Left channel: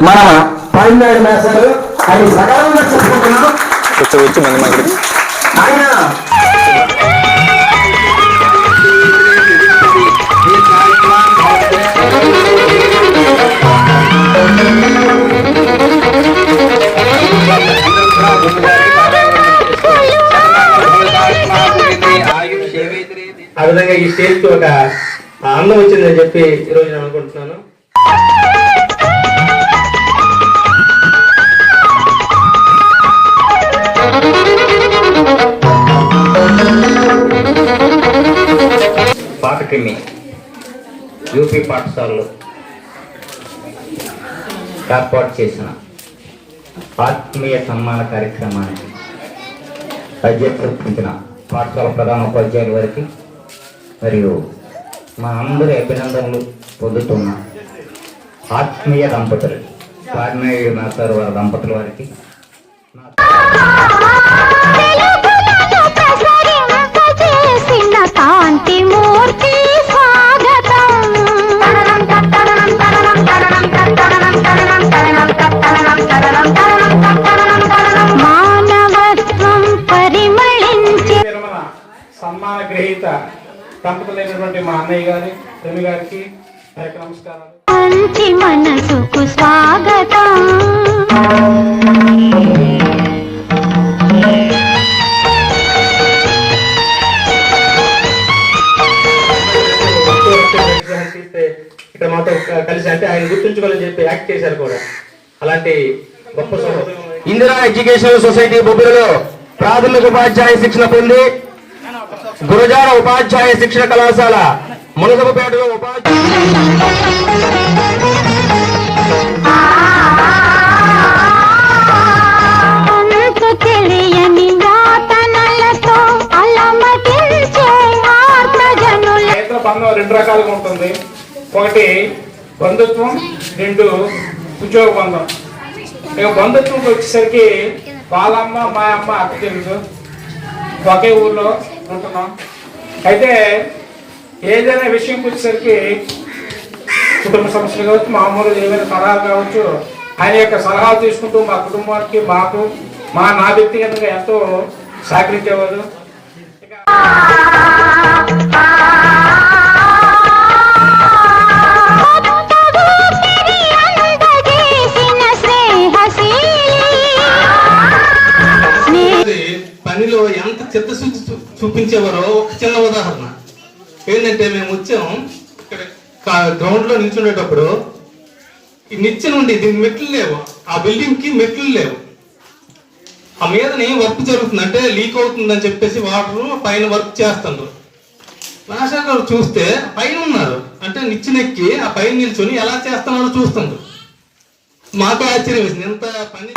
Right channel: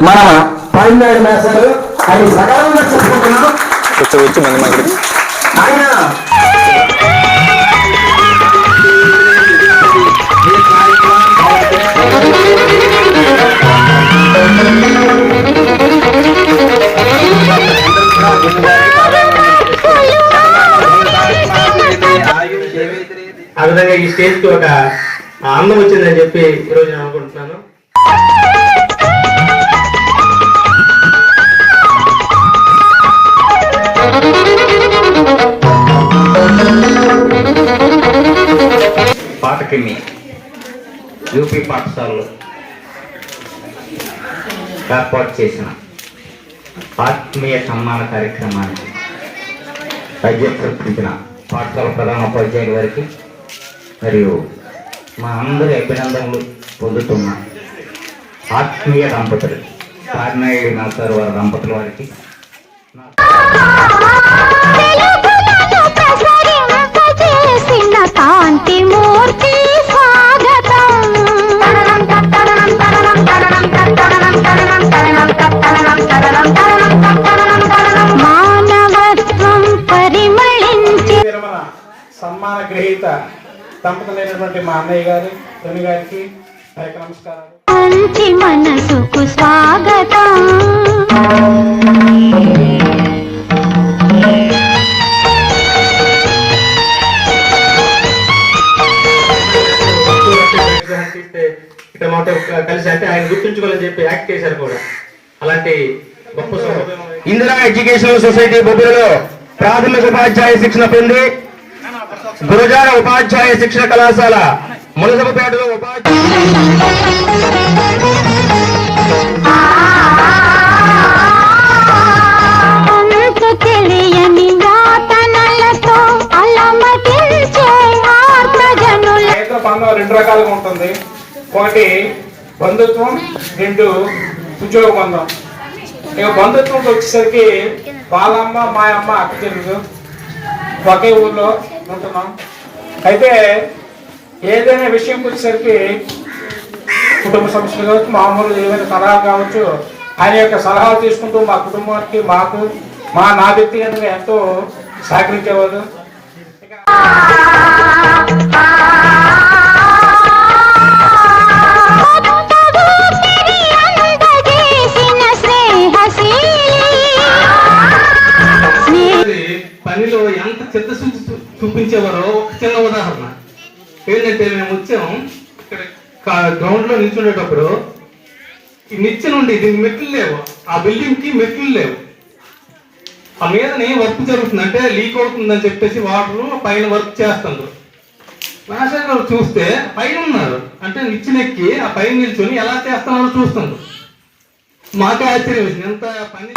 మన పైనాడు మేసారు. అది సకాలంగా చెప్పుకుంటున్నాం కూర్చోవచ్చు మంది మాకు ఆయన అందరూ కూడా గురుగారికి పాదావందనం చేసుకోండి శతమానం భవతాత్మా గురిద్రే ఆయుష్ ఆ విధంగా ఈ స్టేజ్కి ఒక అందం వచ్చిందని చెప్పి ఈ రోజు నేను అనుకుంటున్నాను. పాటకిని యూపీ పాఠశాలలో ఏర్పాటు చేసిన ఆత్మీయ సన్మాన కార్యక్రమానికి అధ్యక్షించిన పాఠశాల ప్రధాన ఉపాధ్యాయుల వారికి మరియు మా అందరి అభినందనలు పొందుతున్న ఆత్మీయ దంపతులు కార్నేయ నాసారు వారి దంపతుల వారికి పరిమళించి విరమణ సన్మాన గ్రహీత దంపతులైనటువంటి మా అన్నయ్య గారు రవి గారికి యొక్క నమస్కారాలు. ఇక్కడ మాతో కలిసి అంటే ఆయన గుర్తుంచుకోవాలని చెప్పి యాక్ట్ చేశారు కూడా. అలాంటి గొప్ప ఇందిరా ఎడ్యుకేషనల్ సొసైటీ బొబ్బిలిలో ప్రాథమిక ఉపాధ్యాయ శిక్షణ పొంది గురజార ఉపాధ్యాయ శిక్షణ కళాశాల మునసబపేటలో ఉపాధ్యాయ బంధం రెండు రకాలుగా ఉంటుంది. ఒకటి బంధుత్వం రెండు ఉద్యోగ బంధం. ఇక బంధుత్వం వచ్చేసరికి వాళ్ళమ్మ మా అమ్మ అక్క చెల్లెలు ఒకే ఊర్లో ఉంటున్నాం. అయితే ఏదైనా విషయం వచ్చేసరికి కుటుంబ సమస్యలు కావచ్చు మామూలు ఏదైనా సలహాలు కావచ్చు ఆయన యొక్క సలహాలు తీసుకుంటూ మా కుటుంబానికి మాకు మా నా వ్యక్తిగతంగా ఎంతో సహకరించేవాడు పనిలో ఎంత చిత్తశుద్ధి చూపించేవారో ఒక చిన్న ఉదాహరణ. ఏంటంటే మేము వచ్చాం ఇక్కడ గ్రౌండ్లో నిల్చుండేటప్పుడు ఈ నిచ్చెన నుండి దీనికి మెట్లు లేవు. ఆ బిల్డింగ్కి మెట్లు లేవు. ఆ మీదనే వర్క్ జరుగుతుంది. అంటే లీక్ అవుతుందని చెప్పేసి వాటర్ పైన వర్క్ చేస్తున్నారు రాజశేఖర్ గారు చూస్తే పైన ఉన్నారు. అంటే నిచ్చినెక్కి ఆ పైన నిల్చొని ఎలా చేస్తున్నారో చూస్తున్నారు మాకే ఆశ్చర్యం వేసింది. ఎంత పని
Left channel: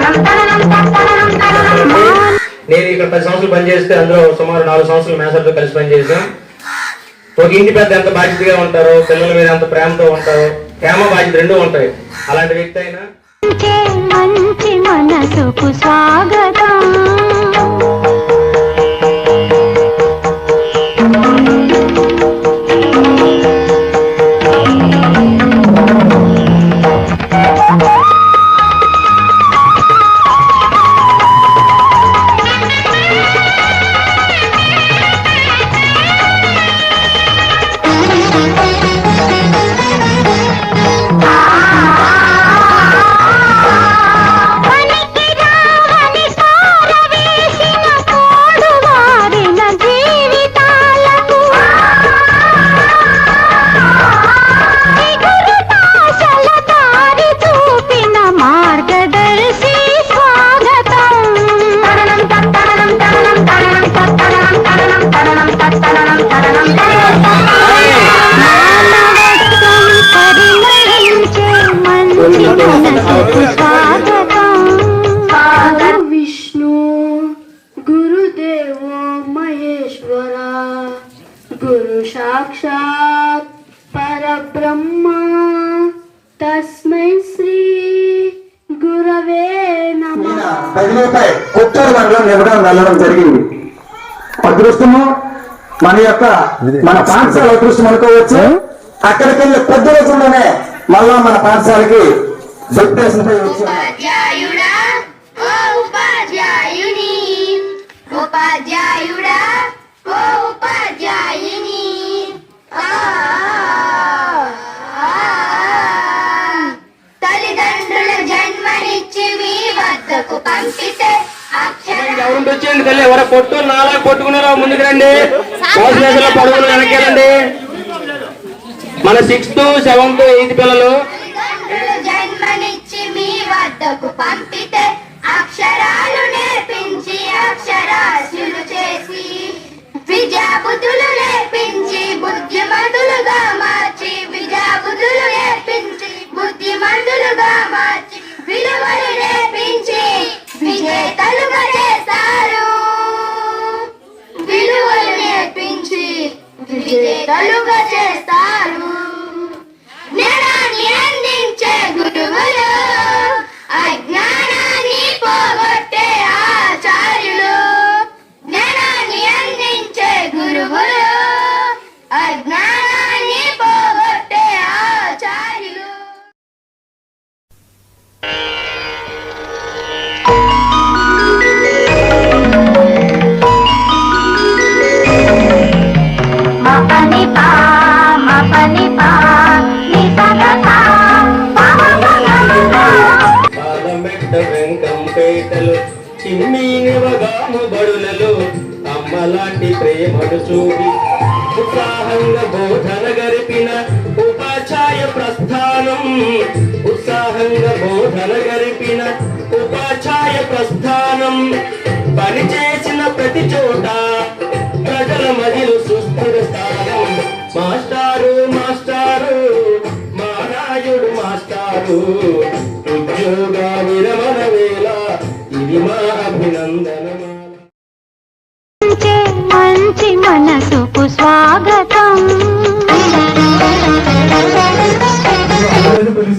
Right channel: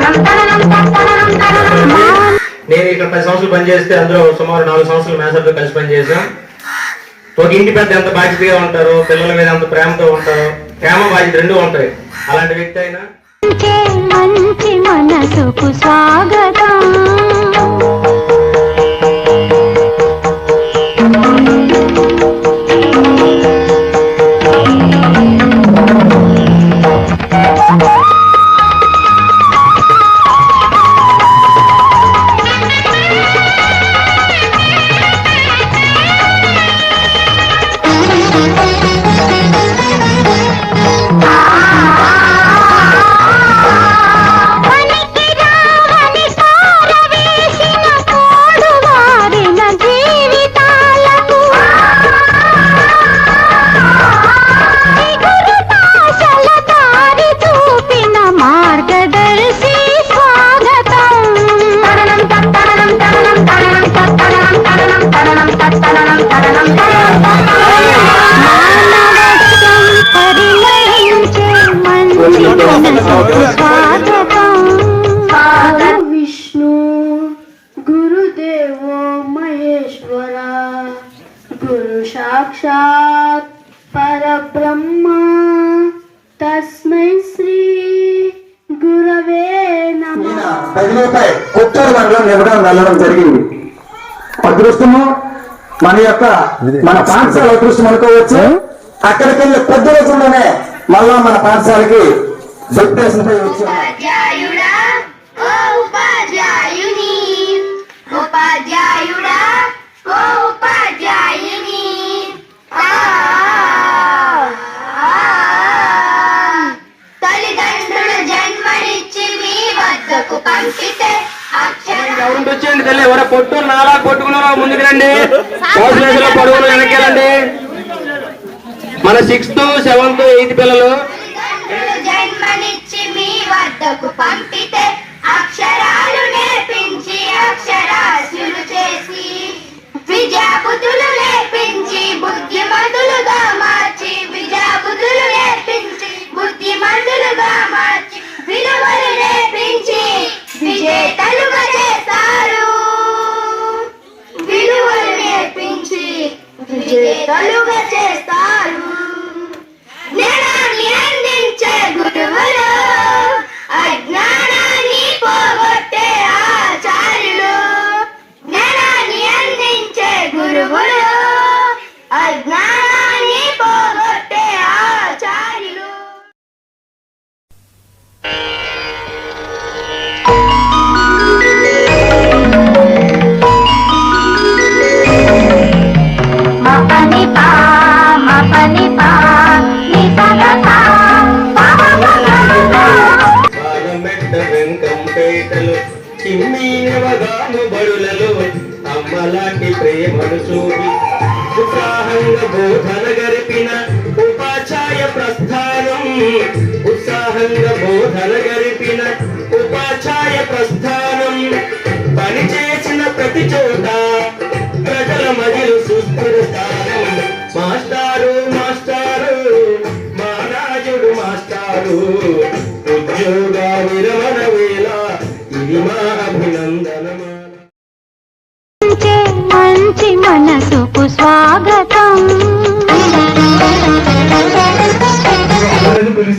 గురించి చెప్పాలంటే నేను ఇక్కడ పది సంవత్సరాలు పనిచేస్తే అందులో సుమారు నాలుగు సంవత్సరాలు మేనేజర్తో కలిసి పనిచేసాం ఒక ఇంటి పెద్ద ఎంత బాధ్యతగా ఉంటారో పిల్లల మీద అంత ప్రేమతో ఉంటారో ప్రేమ బాధ్యత రెండూ ఉంటాయి. అలాంటి వ్యక్తి అయినా హరో విష్ణు గురుదేవ మహేశ్వర గురు సాక్షాత్ పరబ్రహ్మ. తస్మై శ్రీ గురవే నమ. జరిగింది. అదృష్టము మన యొక్క మన పాఠశాల అదృష్టం అనుకోవచ్చు. అక్కడికి వెళ్ళి పెద్ద రోజుల్లోనే మళ్ళా మన పాఠశాలకి డిప్యూటేషన్ పై వచ్చి ఎవరు వచ్చేయండి తల్లి ఎవరో కొట్టు నాలా కొట్టుకున్నారో ముందుకు రండి. పడుగులు వెనకెళ్ళండి మన సిక్స్త్ సెవెంత్ ఎయిత్ పిల్లలు. జన్మనిచ్చి మీ వద్దకు పంపితే అక్షరాలు నేర్పించి అక్షరాస్యులు చేసి విద్యాబుద్ధులు నేర్పించి బుద్ధిమంతులుగా మార్చి విద్యాబుద్ధులు నేర్పించి బుద్ధిమంతులుగా మార్చి విలువలు నేర్పించి విజేతలుగా చేస్తారు విలువలు నేర్పించి విజేతలుగా చేస్తారు Hello. చిన్ని బడులలో అమ్మలాంటి ప్రేమను చూపి ఉత్సాహంగా బోధన గరిపిన ఉపాధ్యాయ ప్రస్థానం. ఉత్సాహంగా బోధన గరిపిన ఉపాధ్యాయ ప్రస్థానం. పనిచేసిన ప్రతి చోట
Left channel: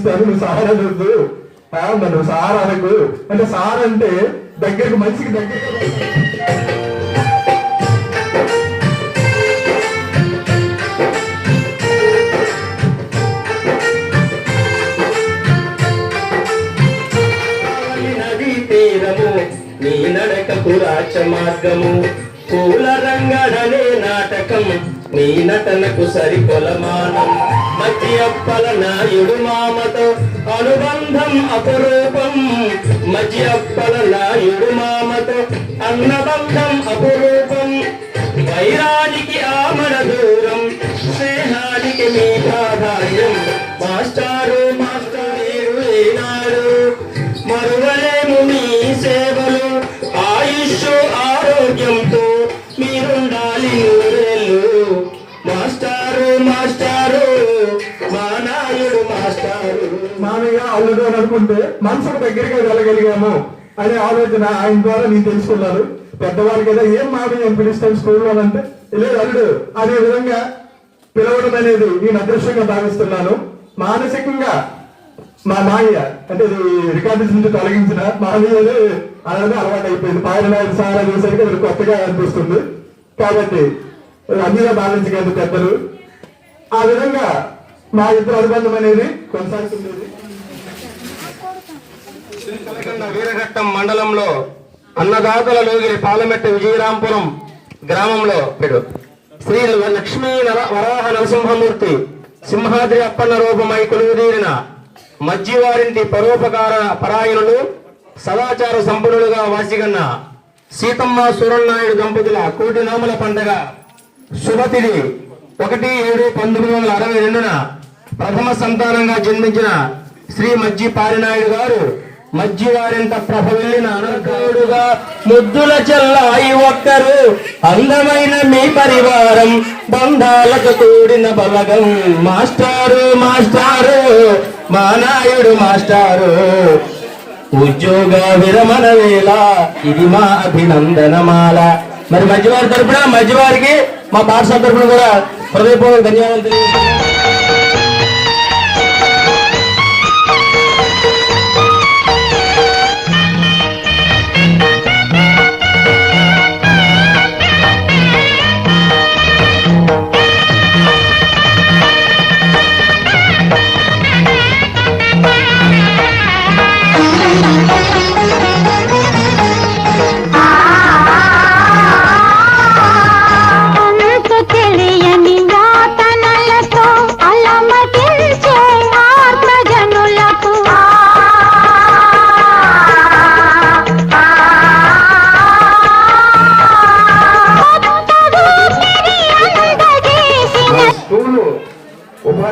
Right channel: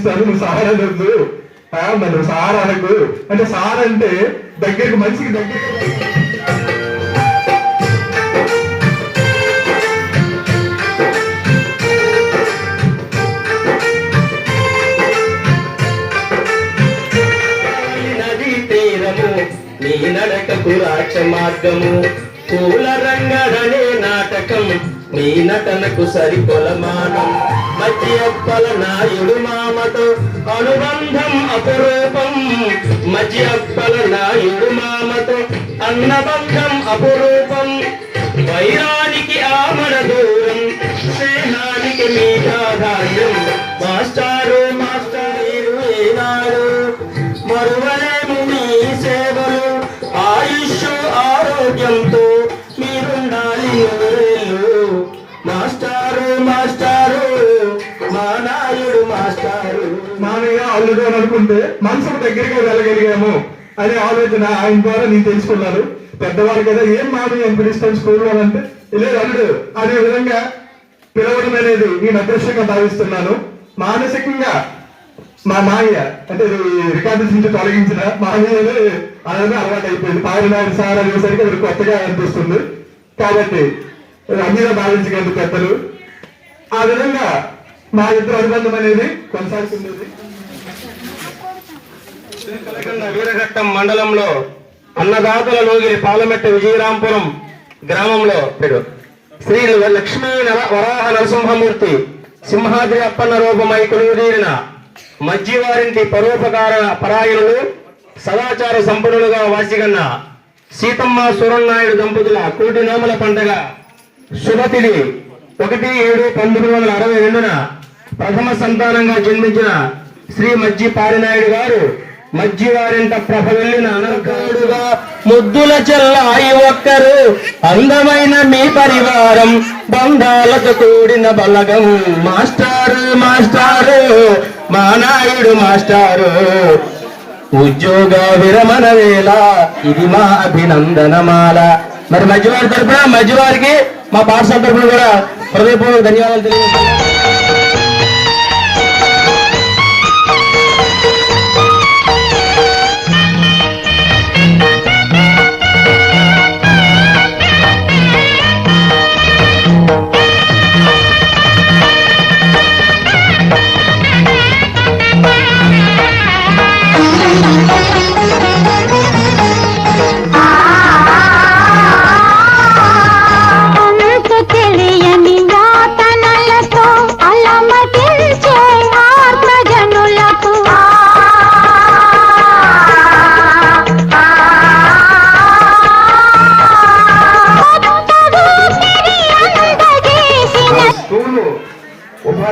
చూస్తాను నువ్వు సార్ అనొద్దు నువ్వు సార్ అనకు అంటే సార్ అంటే దగ్గరకు మనిషికి దగ్గర నీ నడకకు రాక్ష మార్గము. పూల రంగడనే నాటకం నీ నటనకు సరికొలమానం. మధ్య అప్పల నాయుడు మామతో అనుబంధం అపురూపం. మధ్య అప్పల నాయుడు మామతో అన్నబంధం అపురూపం. వైరానికి ఆమడ దూరం స్నేహానికి మీ ప్రాధాన్యం మాస్టారు మాస్టారు ఏనాడు మరువలేము మీ సేవలు ఆయుష్ ఆరోగ్యంతో మీరుండాలి నూరేళ్ళు. మాస్టారు మాస్టారు నాయుడు మాస్టారు. మామయ్య అల్లుడు అని అనుకుంటే మనసుకు దగ్గరగా వెళ్ళగలిగాము అనే ఆలోచన ఆయన ద్వారా నేను తెలుసుకున్నాను. పెద్దవారు కదా ఏం మామయ్య అని పిలుస్తాం స్కూల్లో అంటే లేదు అల్లుడు అనే విధంగా పిలవడం అనేది నేను అదృష్టంగా భావిస్తున్నాను. మానసికంగా మా మామయ్య అంటే రికార్డు నుంచి తొలగించిన మామయ్య అలాగే అలవాటు అయిపోయింది. పారినాడు సార్ అనేసరికి అది కొత్తగా అనిపిస్తుంది. కాబట్టి అన్నిగా భావించగలరు పెద్దలు. ఆ విధంగా మా ఇద్దరు అనుబంధం అనేది కొనసాగుతుంది వీరఘట్టం మండలంలో అన్నదాతల లోగిరి పాలమెట్ట విజయరాంపురం గ్రామంలో పేరు శ్రీ లక్ష్మీ నర వరాహ నరసింహమూర్తి సింహాద్రి అప్పన్న రూపమై కొలువుదీరిన మధ్యవారింటి పరోపకార పరాయణులు సదాచార సంపన్నులుగా వాసిగన్న సీతమ్మ సూరన్నాయుడు దంపతుల కోటి నోముల పండుగ శుభతిథి ఒకటి ఏడు పంతొమ్మిది వందల అరవై రెండున ప్రథమ సంతానంగా జన్మించిన శ్రీ మజ్జి పారినాయుడు గారు మజ్జి వారింత ప్రభ వెళ్ళిన ముద్దుల చెల్లాయి ఒక్కరు అందమైన మీ పరివారం బంధాలకు కూడిన బలగం. మాస్టారు మాస్టారు మా నాయుడు మాస్టారు. ఉద్యోగ విరమణ వేళ ఇది మా అభినందనమాల. మరి మధ్యవారి తరపున మధ్యవారికి మా పాఠశాల తరఫున కూడా హృదయపూర్వక ధన్యవాదాలు తెలియజేస్తున్నాం.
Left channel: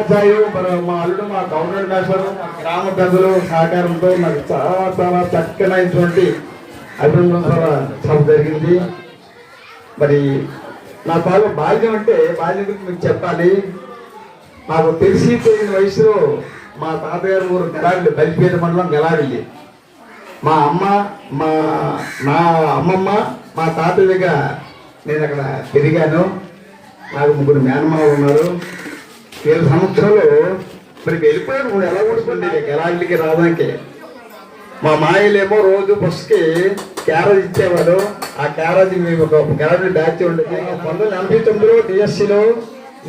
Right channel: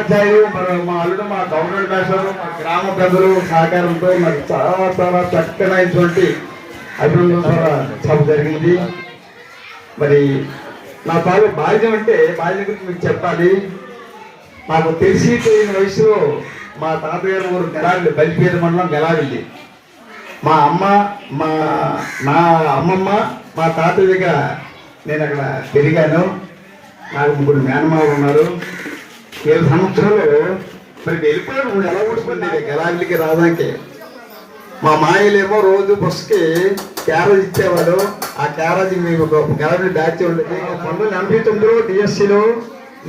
ఉపాధ్యాయులు మరి మా అల్లుడు మా గవర్నమెంట్ మాస్టర్ మా గ్రామ పెద్దలు సహకారంతో నాకు చాలా చాలా చక్కనైనటువంటి అభివృద్ధి చాలా జరిగింది. మరి నా తాలూ బాధ్యం అంటే బాధ్యం గురించి మీకు చెప్పాలి. నాకు తెలిసి తెలియని వయసులో మా తాతగారు ఊరు గెలాడి బలిపేద మండలం గెలాడింది మా అమ్మ మా నా అమ్మమ్మ మా తాతయ్యగా నేను అక్కడ పెరిగాను. నాకు ముగ్గురు మేనమావులు ఉన్నారు. ఏడు సంవత్సరాలు మరి వెళ్ళిపోయాడు ఇప్పుడు ఎలా ఊడుకుంది గెలావిల్లికి రావడానికి మా మాయలేమో రోజు బస్సుకి క్యారేజ్ ఇచ్చేవాడు. ఆ క్యారేజ్ మీకు ఒక క్యారేజ్ బ్యాచ్ ఉండేది. పంతొమ్మిది ఎనభై తొమ్మిదిలో డిఎస్సిలో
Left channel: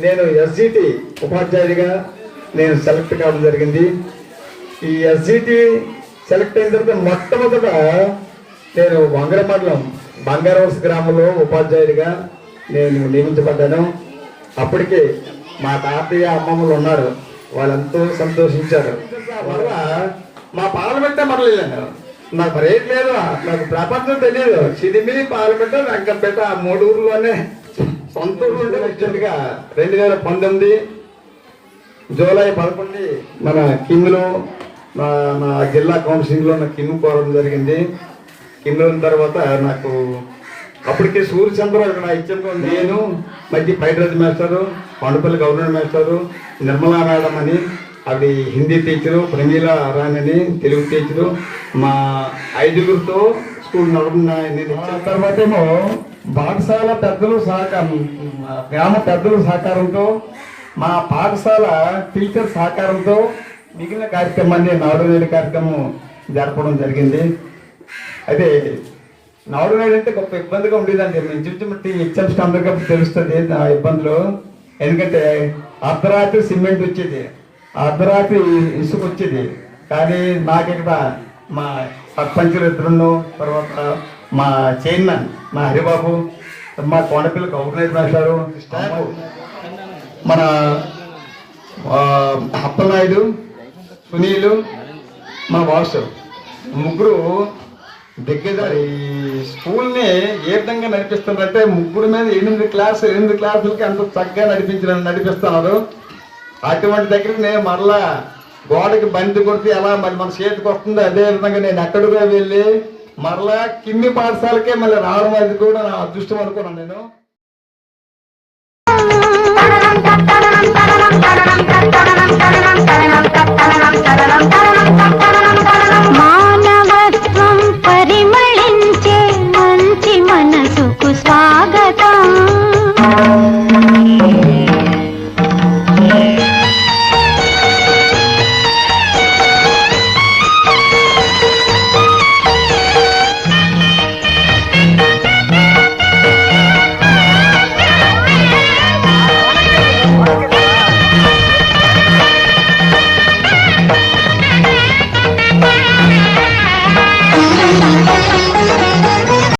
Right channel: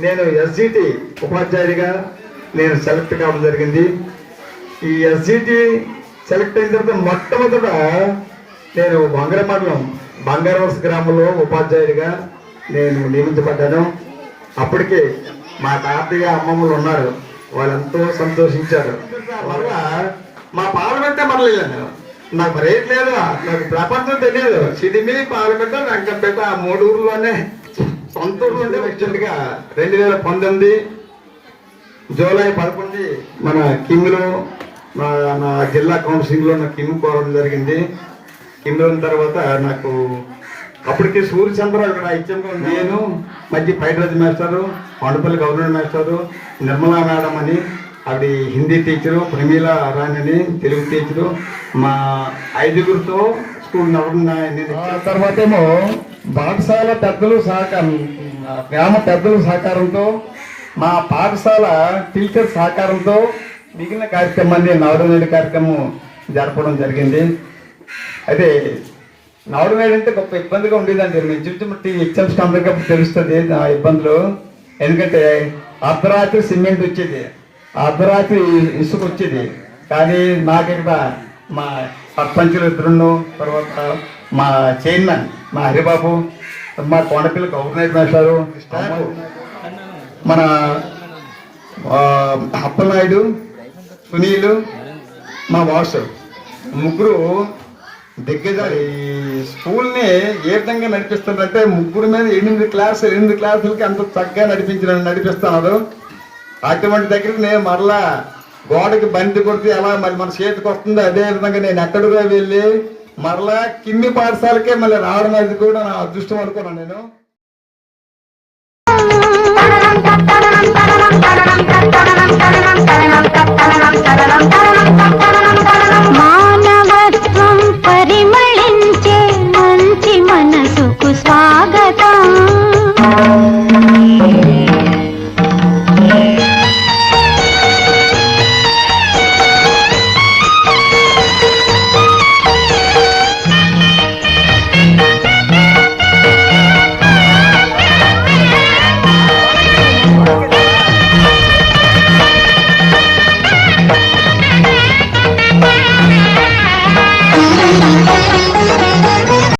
నేను ఎస్జిటి ఉపాధ్యాయుడిగా నేను సెలెక్ట్ కావడం జరిగింది. ఈ ఎస్జిటి సెలెక్ట్ అయిన తర్వాత మొట్టమొదట నేను వంగర మండలం బంగారవలస గ్రామంలో ఉపాధ్యాయుడిగా నేను నియమించబడ్డాను. అప్పటికే మా తాతయ్య అమ్మమ్మలు ఉన్నారు. వాళ్ళెంతో సంతోషించారు. వల్ల మా పాలపెట్ట మరలేదు నాకు రేట్ లేదు. నాకు ప్రపంచం తెలియదు. సిదిమి పాలపెట్ట వెంకటపేట ఆ మూడు ఊర్లోనే సొంత ఊరు ఉంటే వచ్చినట్టుగా రెండు వేల పంతొమ్మిది జూలై పదకొండు మన కిమ్లో మా నా జిల్లా కౌన్సిలింగ్లో నా కిమ్ కోరడం జరిగింది. కిమ్ తర్వాత నాకు అప్పటికి సూర్యచంద్ర ఇక్కడ ఇచ్చిన నేను మధ్య Paidraj మేస్తారు Kondapalli government master Nirmala madam అని అది హిందీ టీచరు ప్రమీల రాణి అని తెలుగు టీచరు మా ఐదుగురితో స్కూల్ నడవడం తర్వాత ఏమో పాఠశాల పెద్దలు సహకారం గ్రామ పెద్దల సహకారంతో మా పాఠశాల టీచర్ సహకారంతో మిగిలిన కార్యక్రమాన్ని నవరనేడు కార్యక్రమం జరపడం జరిగింది. అదే నవరనేడు అంటే గొప్ప ఇబ్బందిగా ఉండేదండి. మేము చూసి ఎగ్జామ్స్ అందరికీ తెలుస్తుంది ఇబ్బందులు. ఎందుకంటే అర్ధరాత్రి సిమెంట్ వచ్చేది. అర్ధరాత్రి ఇసుక వచ్చేది. కానీ నాకు ఇక్కడ మా సర్పంచులు ఇద్దరును తర్వాత మా చైర్మన్ మా హరిబాబు మా కొండపిల్లి గవర్నర్ స్టాఫ్. మన ఆ, అప్పలనాయుడు సునీలు మా బాసు ముగ్గురు దగ్గర ఈ స్కూల్ని ఏ విధంగా నడిపిస్తున్నారంటే ముగ్గురు మీద ఎనిమిది క్లాసులు ఎనిమిది క్లాసులకి అంత చక్కగా నడిపించిన నడిపిస్తున్నారు. అటువంటి దగ్గర నేను మరలా గోడకి బంతి కొడితే ఎలా మరి మన చేతికి వస్తుందో అదే విధంగా నేను ఎక్కడికో వెళ్ళి మరలా కింది పాఠశాలకే మళ్ళీ రావడం అది కూడా నా అదృష్టం అనుకున్నాను నేను.